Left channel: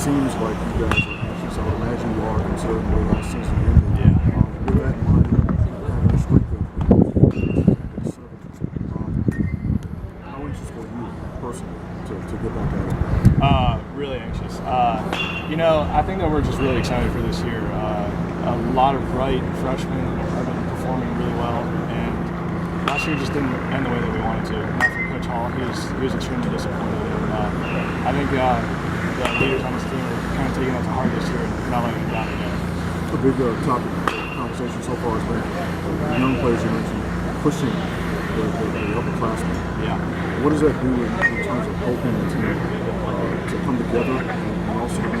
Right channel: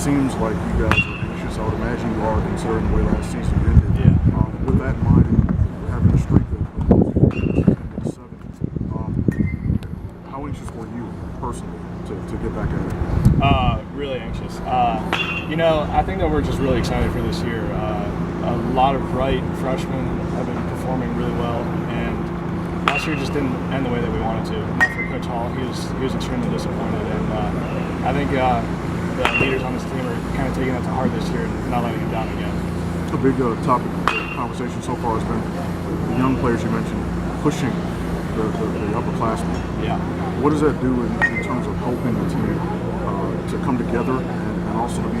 seems like you guys are anxious. I would imagine you are, considering the way last season ended. Yeah. With that in mind, and having the streak of close to the season ended 7, how anxious were you personally to get back at it? Really anxious. I think that we're just really excited for this year. A lot of bright freshmen have been performing really well, and last year just didn't end the way that we wanted to. Not for Coach Hall. He was extremely disappointed, and I think the leaders on this team are kind of taking that to heart this year and not letting him down again. A big topic of conversation so far has been the young players you mentioned pushing the upperclassmen. Yeah. What does that do in terms of helping the team to come together and also to be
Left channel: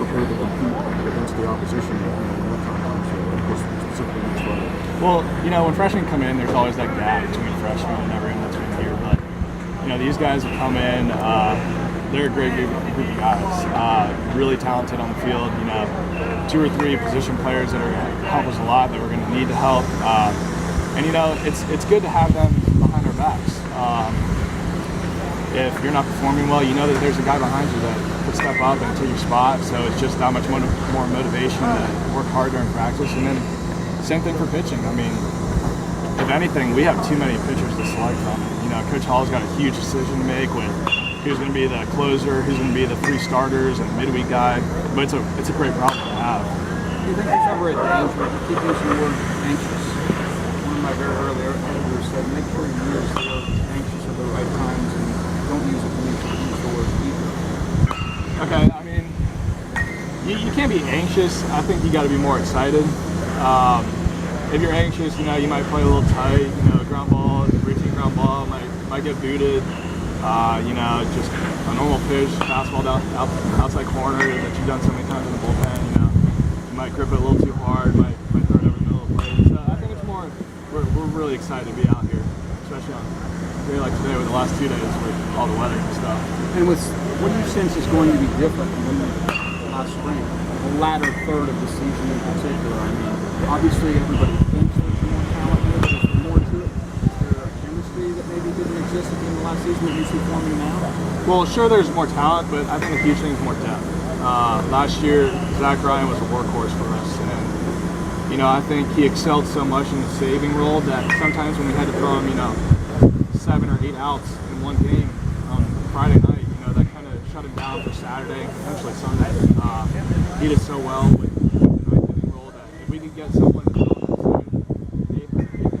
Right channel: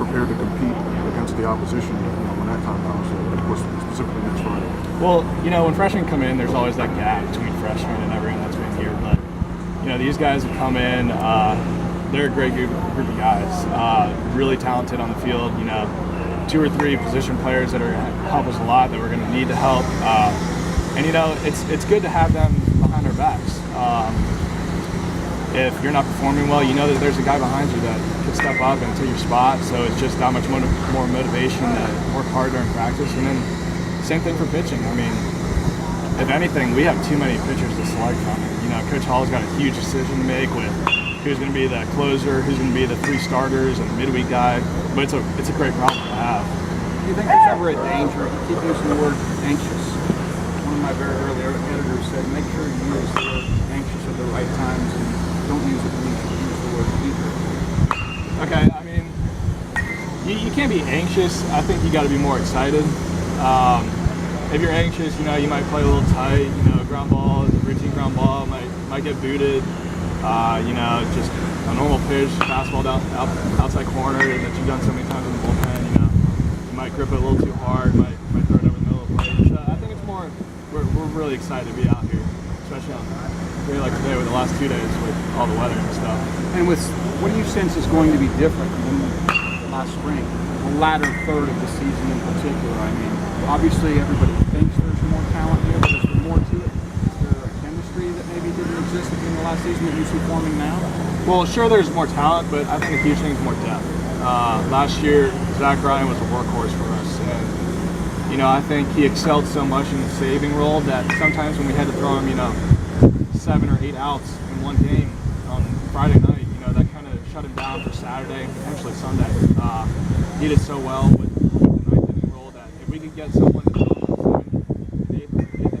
prepared to compete against the opposition when that time comes? Of course, specifically next Friday. Well, when freshmen come in, there's always that gap between freshmen and everyone that's been here. But these guys have come in. They're a great group of guys. Really talented on the field. 2 or 3 position players that are help us a lot that we're going to need to help. And it's good to have them behind our backs. If you're not performing well, you know that there's a guy behind you that could step up and take your spot. So it's just that much more motivation to work hard during practice. And then same thing for pitching. I mean, if anything, we have too many pitchers to select from. Coach Hall's got a huge decision to make with who's going to be the closer, who's going to be the 3 starters, and the midweek guy. But it's a great problem to have. Do you think there's ever a danger? You keep using the word anxious. One of my very early editors said, make sure you use the word anxious at the right times and don't use it when you should use the word eager. Okay, I mean, you can't be anxious. I think you got to be more excited. If you're anxious, you might play a little tight. Ground ball, routine ground ball might get booted. Just a normal pitch, fastball down outside corner that you've done so many times in the bullpen. You might grip it a little too hard, might throw it over the middle of the plate. So I think it's more, we're really excited to be out here, especially on a day like today with the last 2 days with all the weather and stuff. And what do you sense is going to be different than last spring? The latter third of the season in particular. I mean, obviously everybody thinks there's more talent here, but is there more to it? Is there a chemistry that maybe didn't exist at the end of last season that you see forming now? Well, sure, there's more talent, but I think a huge thing is more depth. Last year, Zach Ryan was a workhorse for us, and I think he excelled so much in the saving role that sometimes when we had to throw him, 7 or 8 outs in one game on Friday night, that kind of shut him down for Saturday, potentially Sunday. He did so well with the 9th inning role that if we could get someone to fill in that 7th and 8th